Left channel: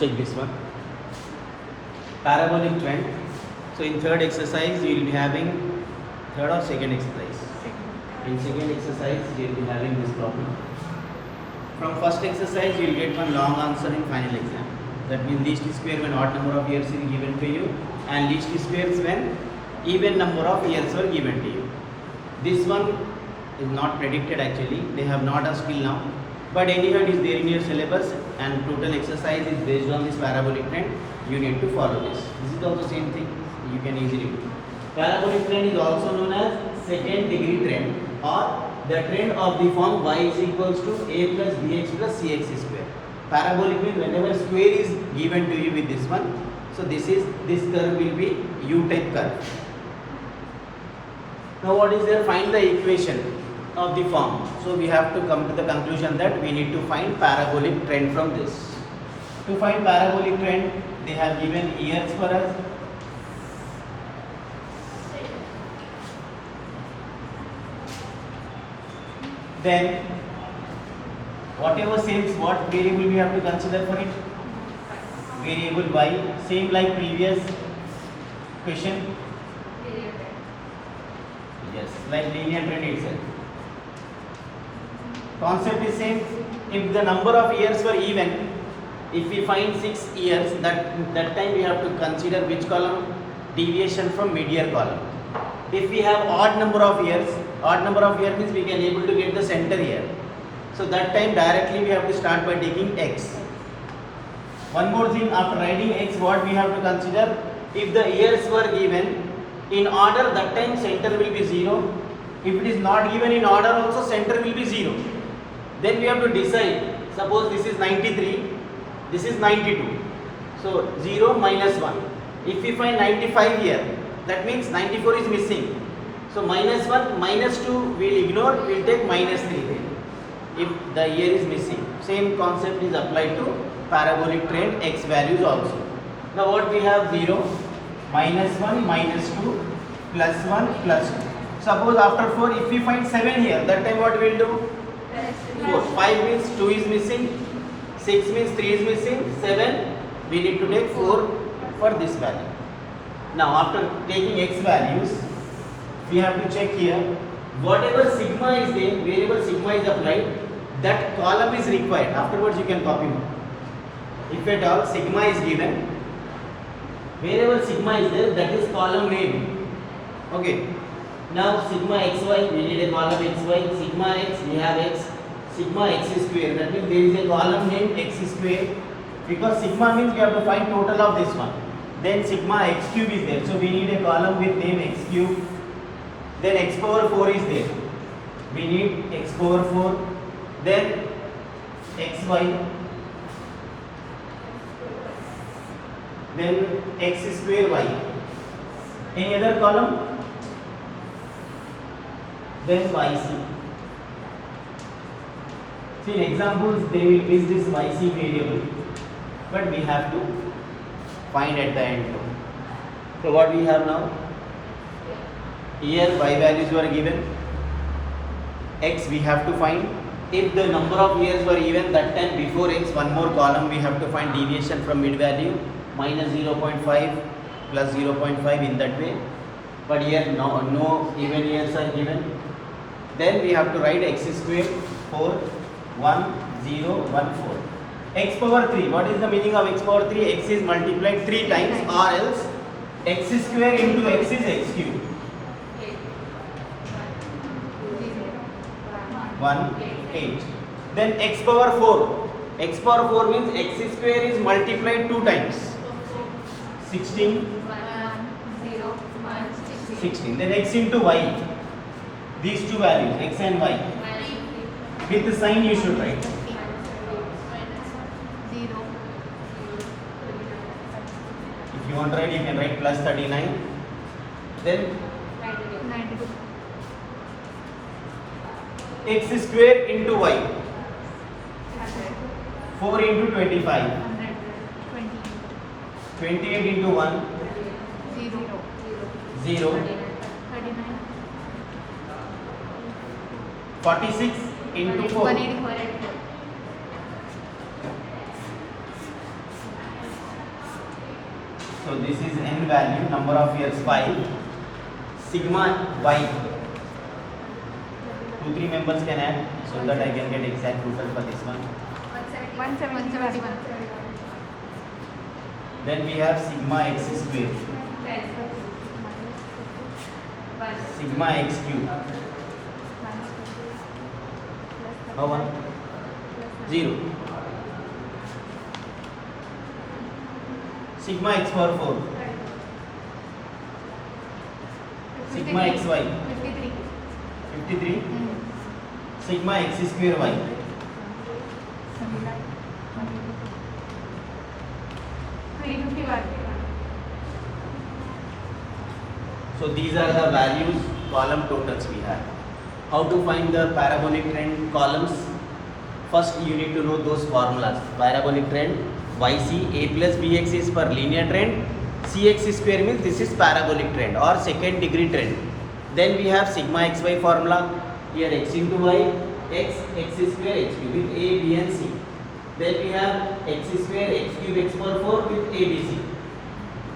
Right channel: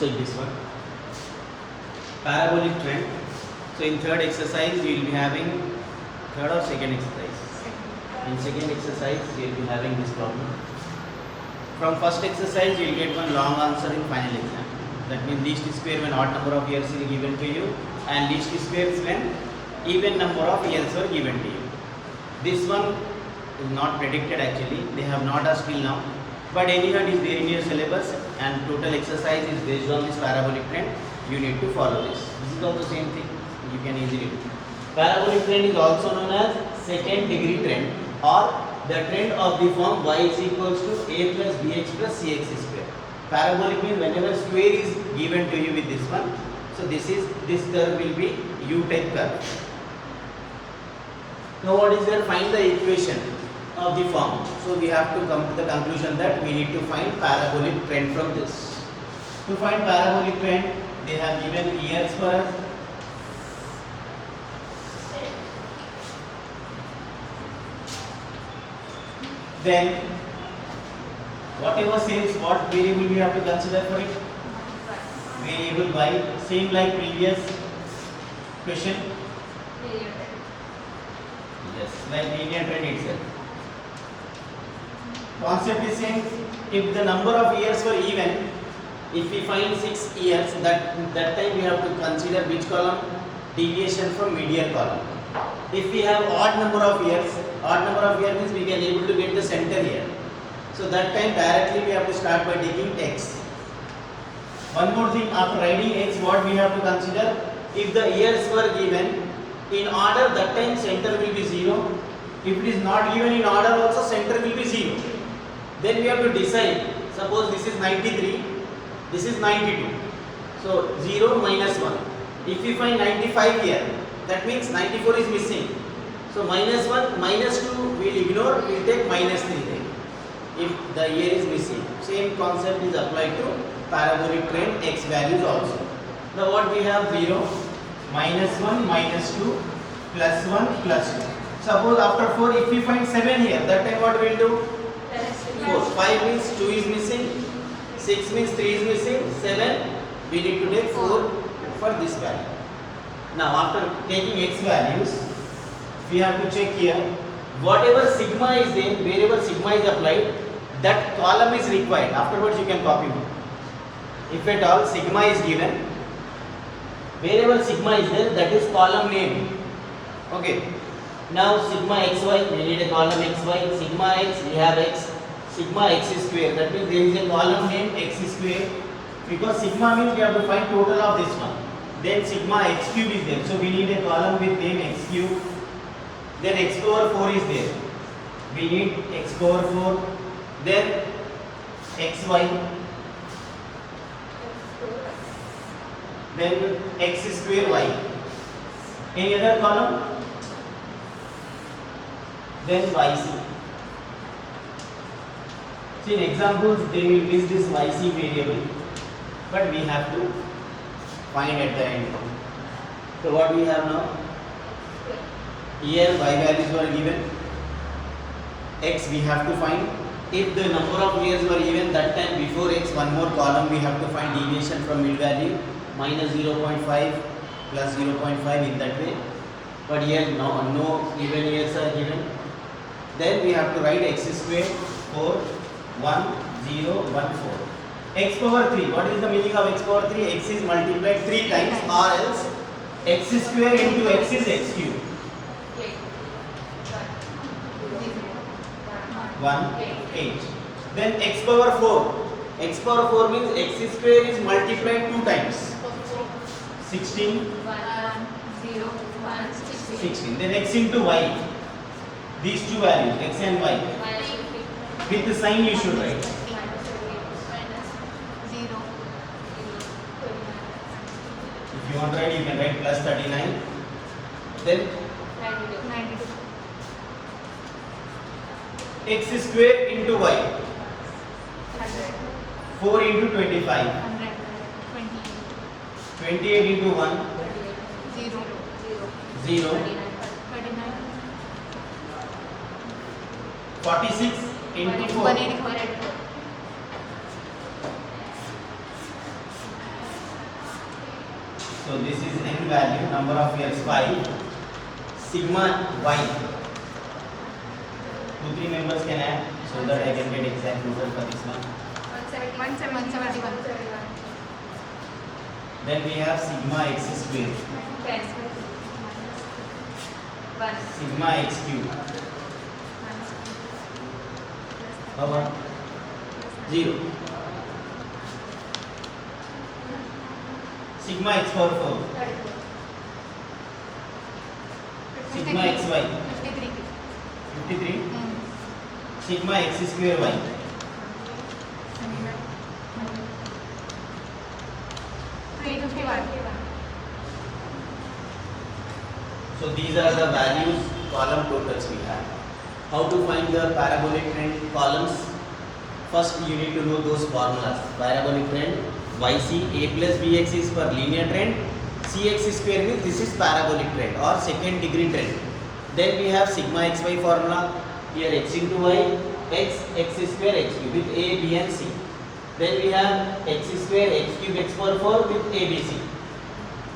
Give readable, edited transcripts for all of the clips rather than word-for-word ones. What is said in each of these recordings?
check this one. Parabolic trend. So in third exercise you will be having third or second exercise. In second exercise you will be having this problem. From first exercise you will get one long answer in final exam. That means least square when odd number of years is given to you, and least squares when even number of years are given to you. This one is not predicted actually. They have not asked till now. But anyhow it is there in your syllabus, and total exercise is based on this parabolic trend. You need to follow this. This is also same thing. You can easily do. Parabolic trend is also known as second degree trend, or the trend of the form y is equals to a plus bx plus cx square. Parabolic means whenever square is given to you with this one, so this curve will be u-type curve. Now what is there? Find the equation of the form. So we have to come to the conclusion that we need to find parabolic trend from this. To find parabolic trend, they have given years for us. Then whatever says, what variable we have to consider for it? Variable y, same like previous question. Yes, like linear trend itself. Concept is same. If the number of years were even, if we find 6 years, that time we have to consider which column? Deviation from median column. If we have odd number of years means we can able to get the center here. So that time directly we have to start by taking x. One more thing, after writing x, what we have to consider? If the years were given in order, that time center will be 0. If it is not given in order also, center will be 0. Then we have to decide. Suppose this is 93, this is 92. So 0 minus 1. If we find 95 here, that means 94 is missing. So minus 1, minus 2 we will ignore, we will take minus 3 then. If the year is missing. Same concept is applied to parabolic trend x values also. Now what we have? 0, minus 1, minus 2, plus 1, plus 2. Suppose after 4, if we find 7 here, that time what we will do? 4. 5 means 2 is missing, 6 means 3 is missing, 7, we need to take 4 for this value. Now after taking x values, we have to check here, whatever sigma is there, wherever sigma is applied, that column is required. Afterwards you can copy it. If at all sigma is given, wherever sigma is there, that is column name. Okay. Now sigma xy, we need a column xy. Sigma x, we have x. Sigma x square, that means there is a column name x square. Because sigma means we have to find total of this one. Then sigma x cube is there. So we need a column with name x cube. Then x power 4 is there. We need x power 4. Then xy. Then x square y. Any other column? Then yc. See, in examples they will miss this yc variable, but we have to find at the end. So what we have now? Here y values were given. X we have to find. If the number of years were given, that time before x one more column we have to find deviation from mid value, minus 0.5 plus 0.5 in that way. But here no even years are given. Then we have to write x square 4 1 0 1 4. X power 3. What is the meaning of x power 3? X is multiplied 3 times, or else x square into x is x cube. 1 8. Then x power 4. X power 4 means x square is multiplied 2 times. 16. 16. Then x into y. These two values, x and y. With the sign you should write. If you want to write, you can write plus 39. Then x square into y. 4 into 25. 28 into 1. 0. 46 into 4. So this is n value, number of years 5. Sigma y. 2-3 members can add so that I can get exact total for this one. 171. Then we have sigma x square, sigma x cube. How much? 0. Sigma x power 4. Sigma xy 53. Sigma x square y. So these are the values, column totals we have. How to find the parabolic trend columns? First you need to know those formulas. Parabolic trend, yc a plus bx is for linear trend, cx square means this is parabolic trend or second degree trend. Then we have sigma xy formula, here x into y, x square x cube with a, b and c. Then we have x square x cube x power 4 with abc.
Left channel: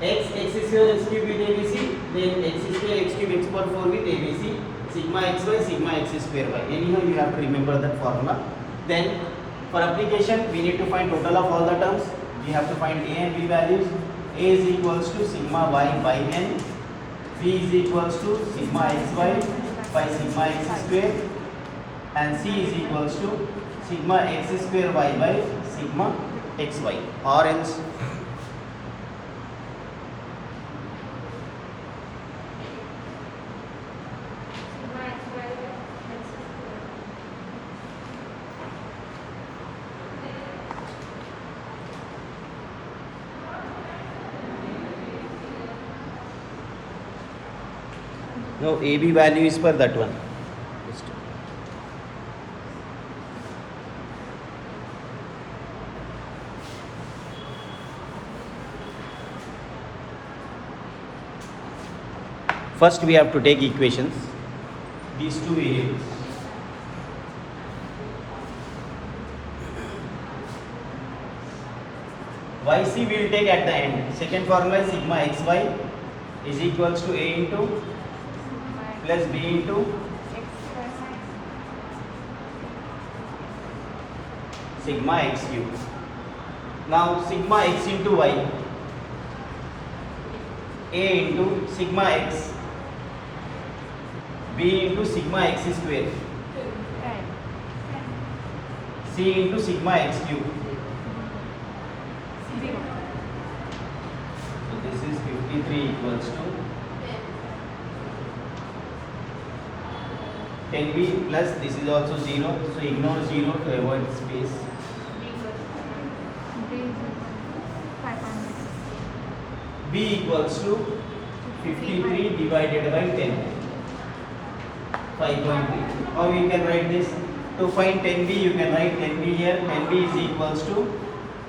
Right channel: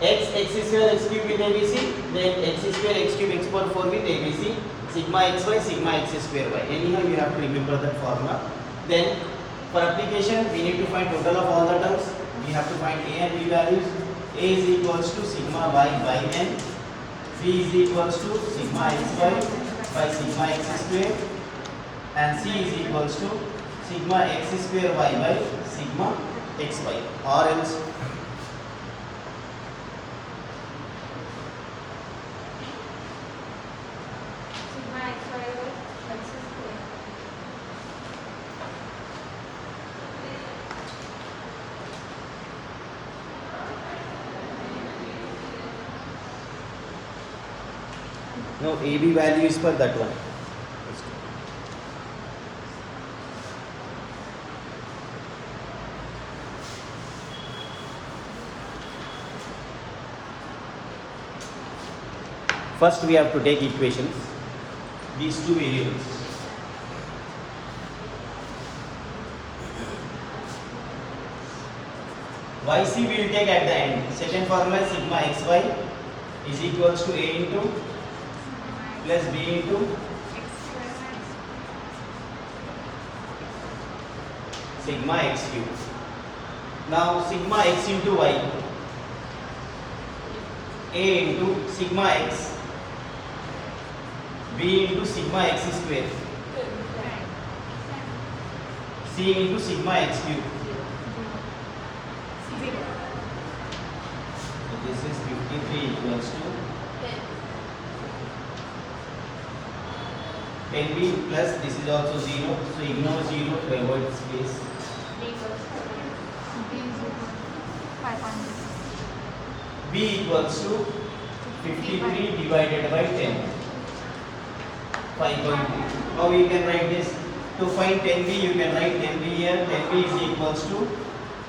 X square x cube with abc, then x square x cube x power 4 with abc, sigma xy, sigma x square y. Anyhow you have to remember that formula. Then for application we need to find total of all the terms. We have to find a and b values. A is equals to sigma y by n, b is equals to sigma xy by sigma x square, and c is equals to sigma x square y by sigma xy, or else no, AB value is for that one. First we have to take equations, these two variables. Yc we will take at the end. Second formula is sigma xy is equals to a into plus b into sigma x cube. Now sigma x into y, a into sigma x, b into sigma x square, c into sigma x cube. This is 53 equals to 10b plus this is also 0, so ignore 0 to avoid space. B equals to 53 divided by 10, 5.3. How we can write this? To find 10b you can write 10b here, 10b is equals to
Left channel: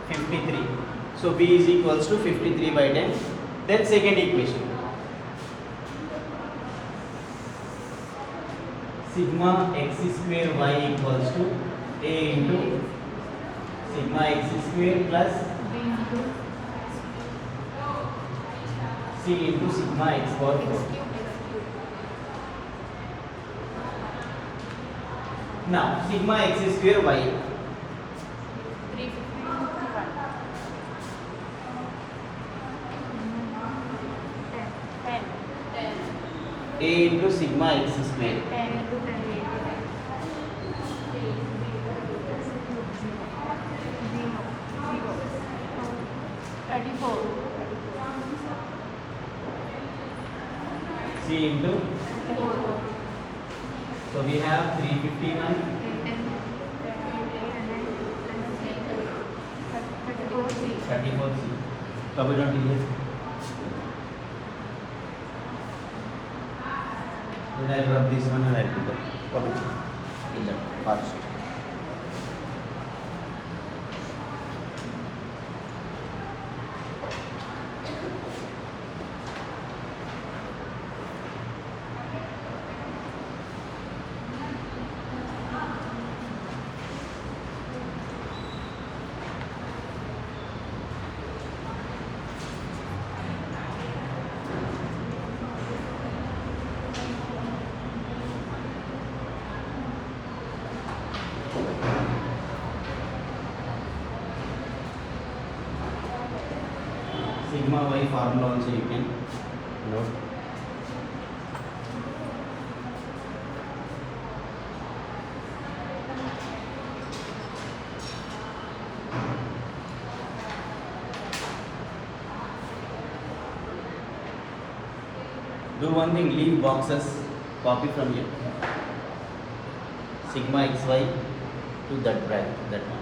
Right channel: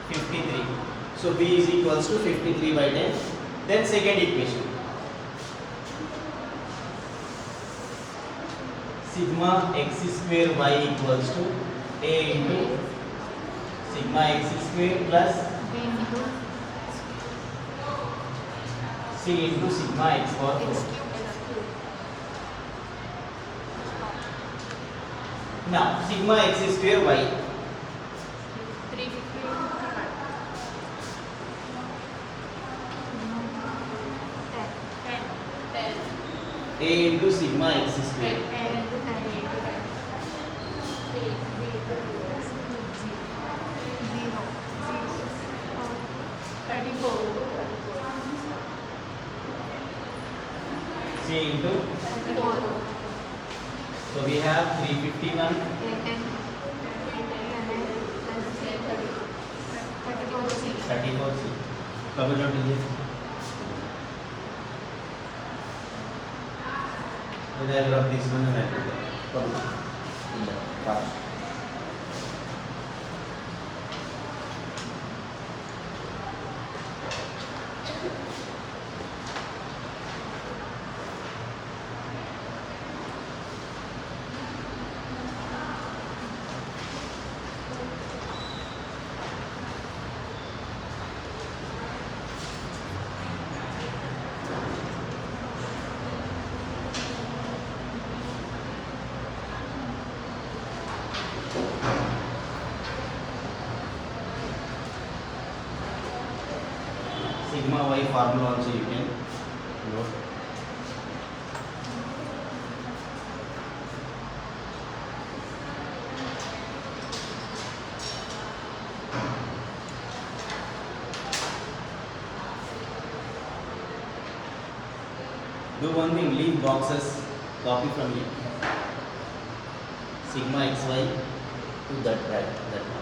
53. So b is equals to 53 by 10. Then second equation, sigma x square y equals to a into sigma x square plus c into sigma x power 4. Now sigma x square y, a into sigma x square, c into, so we have 351, 34c. Cover down here. Then I'll rub this one and I'll do that. Fast. sigma y formula also you can go. Do one thing, leave boxes, copy from here. Sigma xy to that bracket, that one.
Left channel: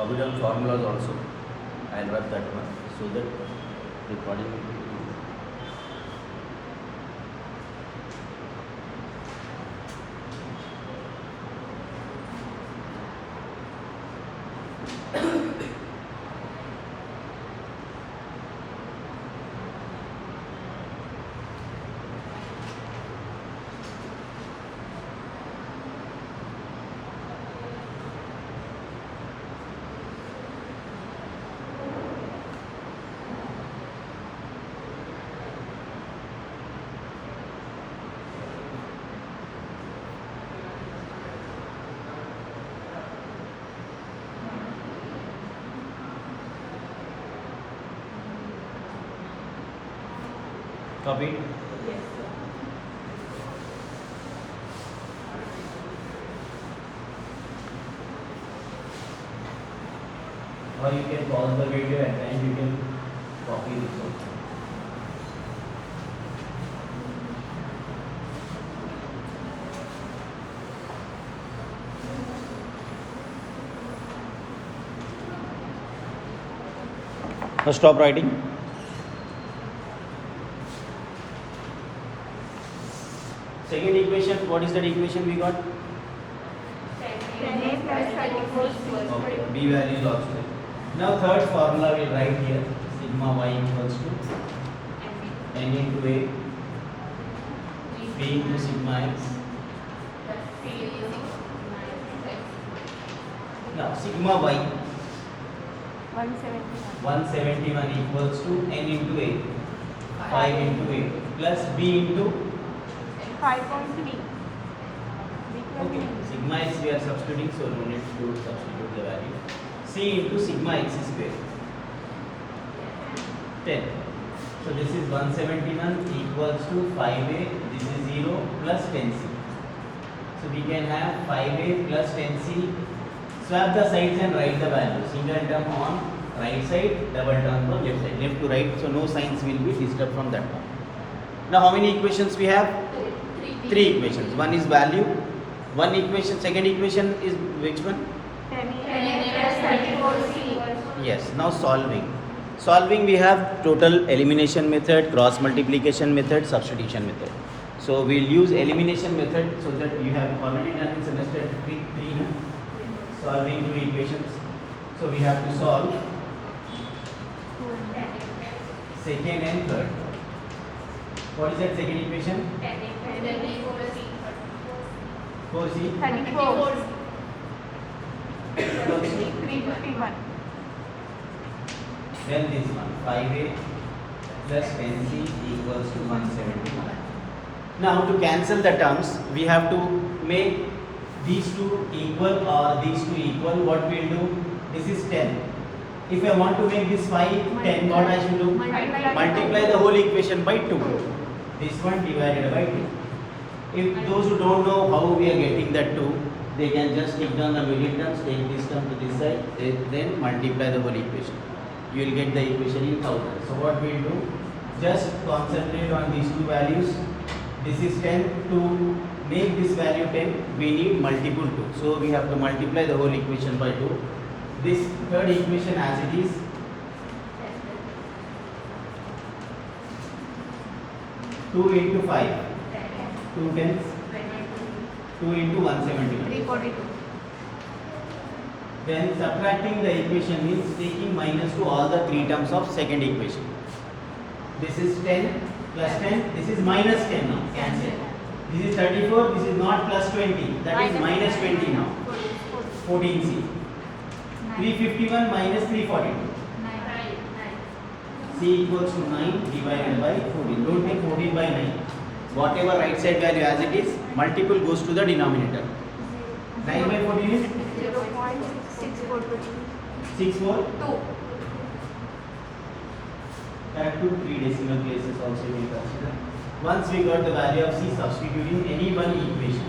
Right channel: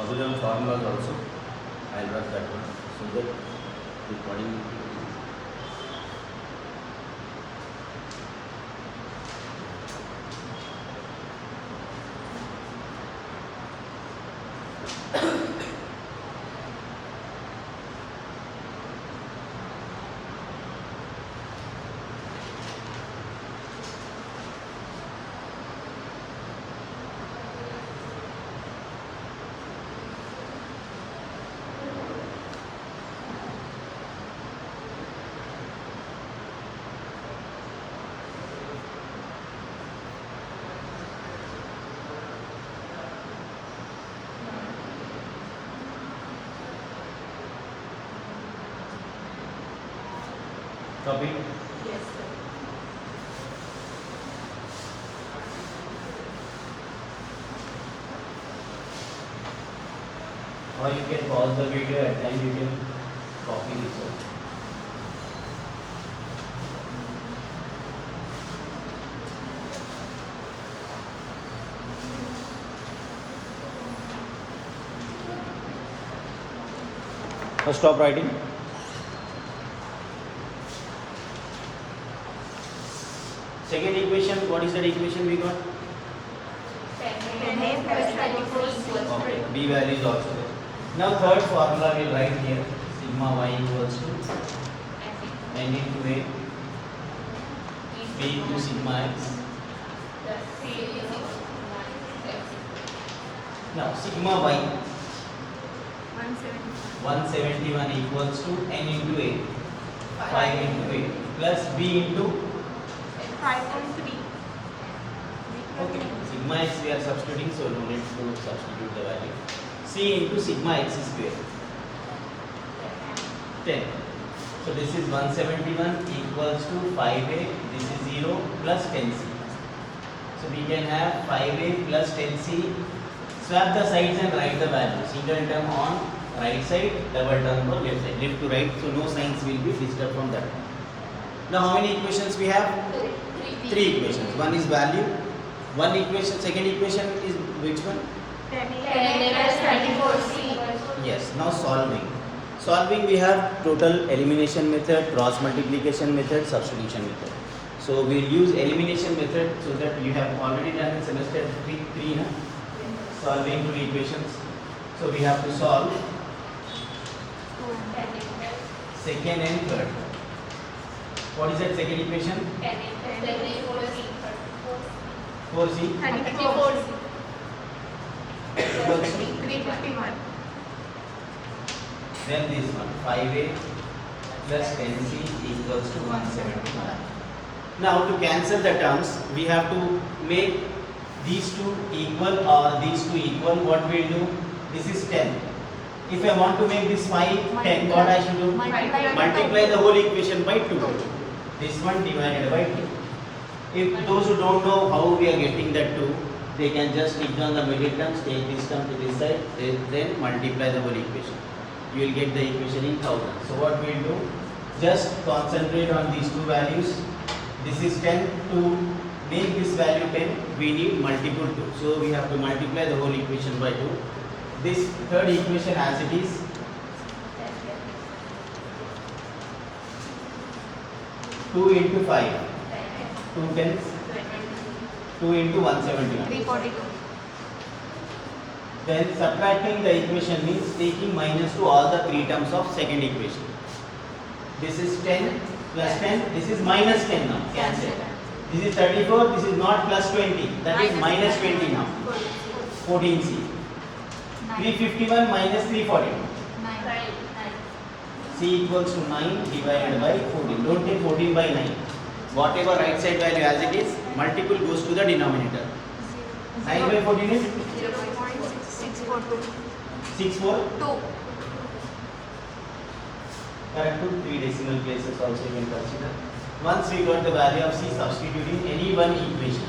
Parabolic formulas also. I'll write that one so that recording will be easy. Copy. Yes, sir. Or you can pause the video and then you can copy this also. So stop writing. Second equation, what is that equation we got? 10a plus 34 c. Okay, b value is also there. Now third formula we'll write here, sigma y equals to n into a b into sigma x. Now sigma y 171 equals to n into a 5 into a plus b into 5.3. okay. Sigma x we are substituting, so no need to substitute the value. C into sigma x square 10. So this is 171 equals to 5a, this is 0 plus 10c. So we can have 5a plus 10c. Swap the sides and write the value. Single term on right side, double term on left side. Left to right, so no signs will be disturbed from that one. Now how many equations we have? 3 equations. One is value. One equation, second equation is which one? 10a plus 34 c. Yes. Now solving. Solving we have total elimination method, cross multiplication method, substitution method. So we will use elimination method so that you have already done in semester 3 no? Solving two equations. So we have to solve second and third. What is that second equation? 4c 34 equals to 351. then this one 5a plus 10c equals to 171. Now to cancel the terms we have to make these two equal or these two equal. What we will do? This is 10. If I want to make this 5 10, what I should do? Multiply the whole equation by 2. this one divided by 2. If those who don't know how we are getting that 2, they can just stick down the middle terms, take this term to this side, then multiply the whole equation. You will get the equation in thousands. So what we will do, just concentrate on these two values. This is 10. To make this value 10, we need multiple 2. So we have to multiply the whole equation by 2. This third equation as it is, two into 5, 2 tens, 2 into 171. 342. Then subtracting the equation means taking minus to all the three terms of second equation. This is 10 plus 10, this is minus 10 now, cancel. This is 34, this is not plus 20, that is minus 20 now. 14C. 351 minus 342. C equals to 9 divided by 14. Don't take 14 by 9. Whatever right side value as it is, multiple goes to the denominator. 9 by 14 is 0.642. 64. 2. Correct to 3 decimal places also you can consider. Once we got the value of C, substituting any one equation.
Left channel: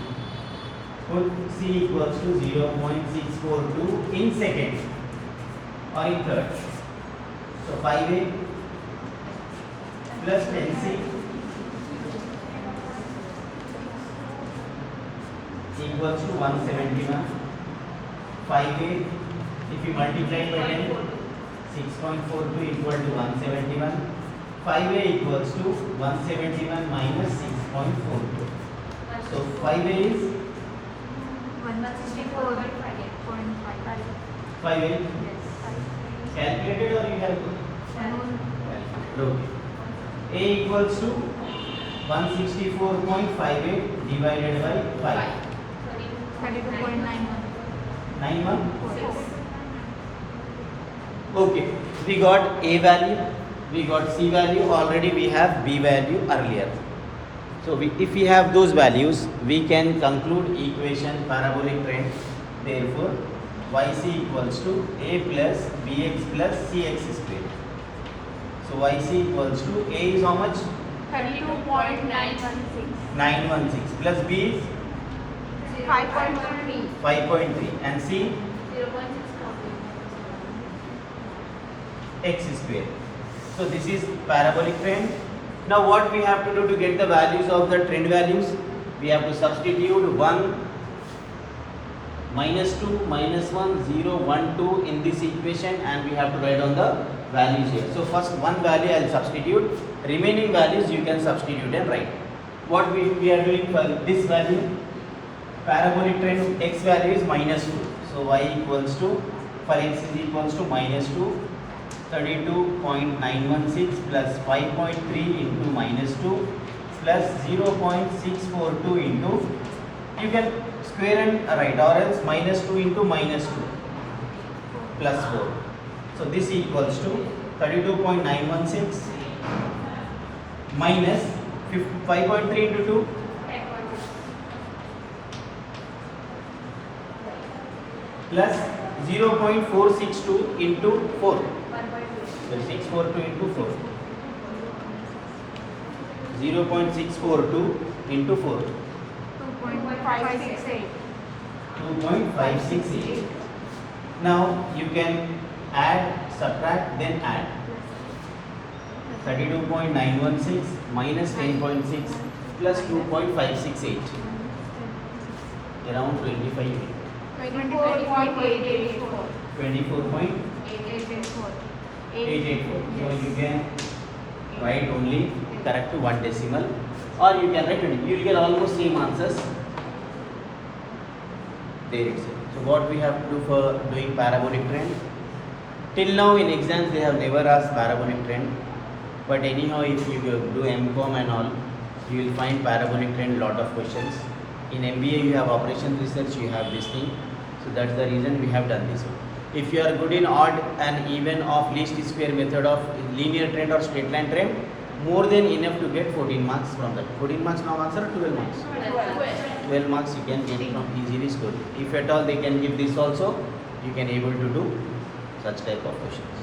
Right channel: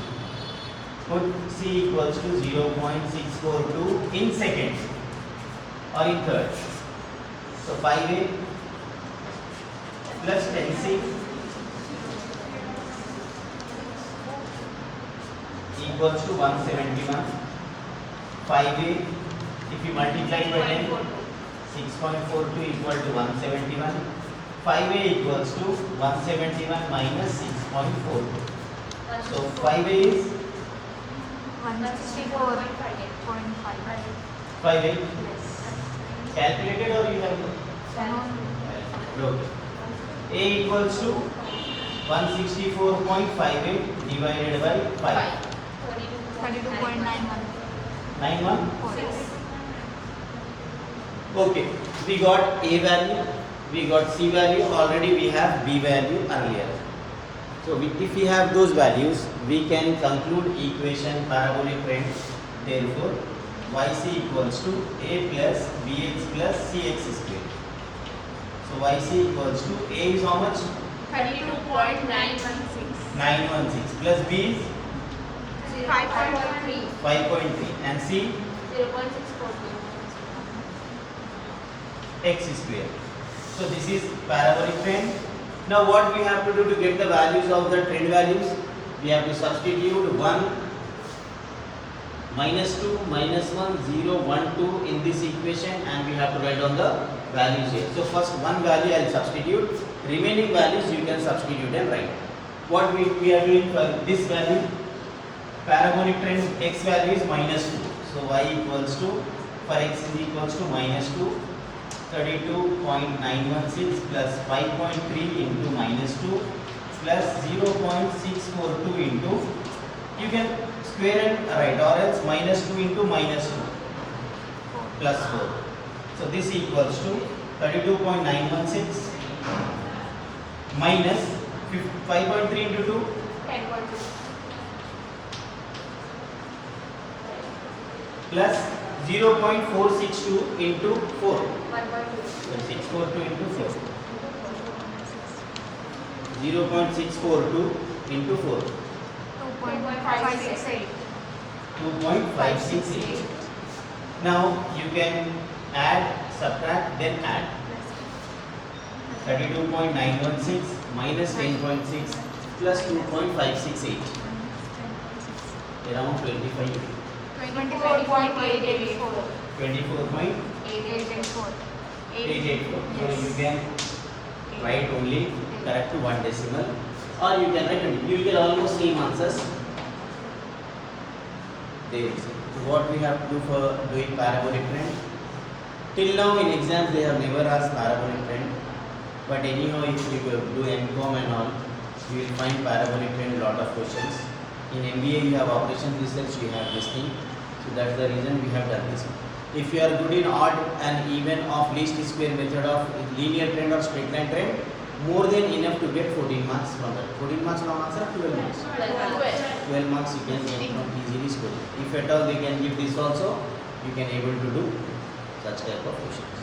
Put C equals to 0.642 in seconds or in third. So 5A plus 10C equals to 171. 5A, if you multiply it by 10, 6.42 equal to 171. 5A equals to 171 minus 6.42. So 5A is 164.5. 5A. Yes. Calculated or you have? Okay. A equals to 164.58 divided by 5. 32.91. 91. Okay. We got A value. We got C value. Already we have B value earlier. So if we have those values, we can conclude equation parabolic trend. Therefore, YC equals to A plus BX plus CX squared. So YC equals to A is how much? 32.916. 916 plus B is 5.3. 5.3 and C x square. So this is parabolic trend. Now what we have to do to get the values of the trend values? We have to substitute 1, minus 2, minus 1, 0, 1, 2 in this equation and we have to write on the values here. So first one value I will substitute. Remaining values you can substitute and write. What we are doing for this value? Parabolic trend x value is minus 2. So y equals to, for x is equals to minus 2. 32.916 plus 5.3 into minus 2 plus 0.642 into, you can square and write, or else minus 2 into minus 2 plus 4. So this equals to 32.916 minus 5.3 into 2 plus 0.462 into 4. So 642 into 4. 0.642 into 4. 2.568. 2.568. Now you can add, subtract, then add. 32.916 minus 10.6 plus 2.568. Around 25. 24.884. 24.884. 884. So you can write only correct to one decimal, or you can write only. You will get almost same answers. There is. So what we have to do for doing parabolic trend? Till now in exams they have never asked parabolic trend, but anyhow if you do MCOM and all, you will find parabolic trend lot of questions. In MBA you have operation research, you have this thing. So that's the reason we have done this. If you are good in odd and even of least square method of linear trend or straight line trend, more than enough to get 14 marks from that. 14 marks from answer, 12 marks. 12 marks you can get from easily scoring. If at all they can give this also, you can able to do such type of questions.